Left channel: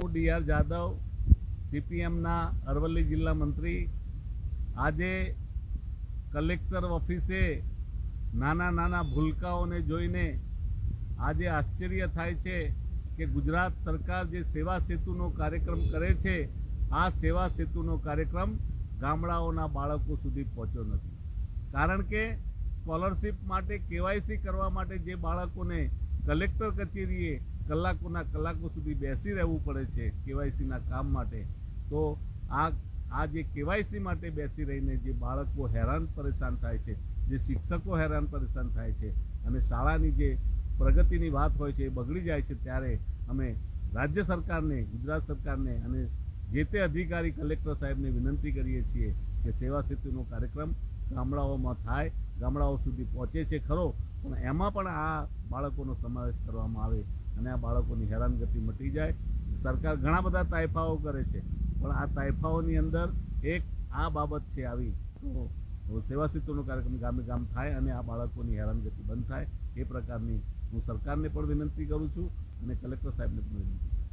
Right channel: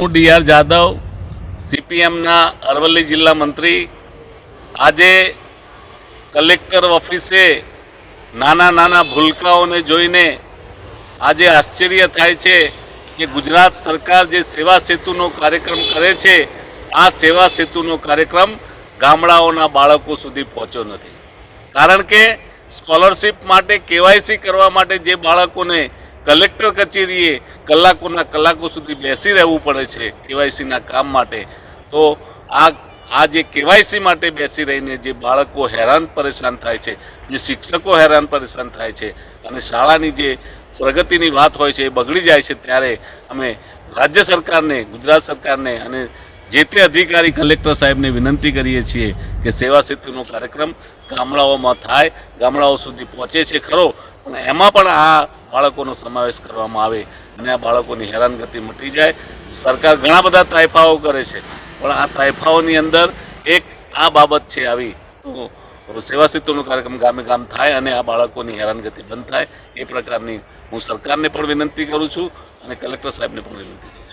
હું ડીઆર જાદવ, સીપીએમના અરવલ્લી જિલ્લા મંત્રી. આજે કલેક્ટર ઓફિસે નાના નાના ભૂલકાઓને જોઈને આજે આશ્ચર્ય થાય છે કે ગુજરાત સરકાર જે સેવા સેતુનો કાર્યક્રમ કરે છે, આ સેવા સેતુનો કાર્યક્રમ ગામડાઓના બાળકો સુધી પહોંચ્યો નથી. કારણ કે સ્કોલરશિપ માટે, કેવાયસી કરવા માટે જે બાળકોને કલેક્ટર કચેરીએ કલાકોના કલાકો સુધી બેસી રહેવું પડે છે કેવાયસીના કામ માટે, તો આ આ જે કેવાયસી માટે બેસી રહીને જે બાળકો હેરાન પરેશાન થાય છે, જે શિક્ષકો હેરાન પરેશાન થાય છે અને શાળાની જે પ્રગતિની વાત હોય છે એ બગડી જાય છે, ત્યારે અમે રાજ્ય સરકારને, ગુજરાત સરકારને અને જે તે અધિકારી કલેક્ટર સાહેબને વિનંતી કરીએ છીએ કે સેવા સેતુનો કાર્યક્રમ ગામડાઓમાં થાય, ગામડાઓ સુધી પહોંચે છે ખરો, પણ એમાં પણ આ બાળકોનો સમાવેશ કરવામાં આવે અને આ બાળકોની હેરાનગતિ મટી જાય. સરકાર ઘણા બધા તાયફાઓ કરે છે, પણ આ તાયફાઓની અંદર એક આ બાબત છે આવી. તો સેવા સેતુનો કાર્યક્રમ ગામે ગામ થાય અને આ બાળકોની હેરાનગતિ બંધ થાય, એ પ્રકારની હું સરકારને પણ વિનંતી કરું છું અને કલેક્ટર સાહેબને પણ વિનંતી કરું છું.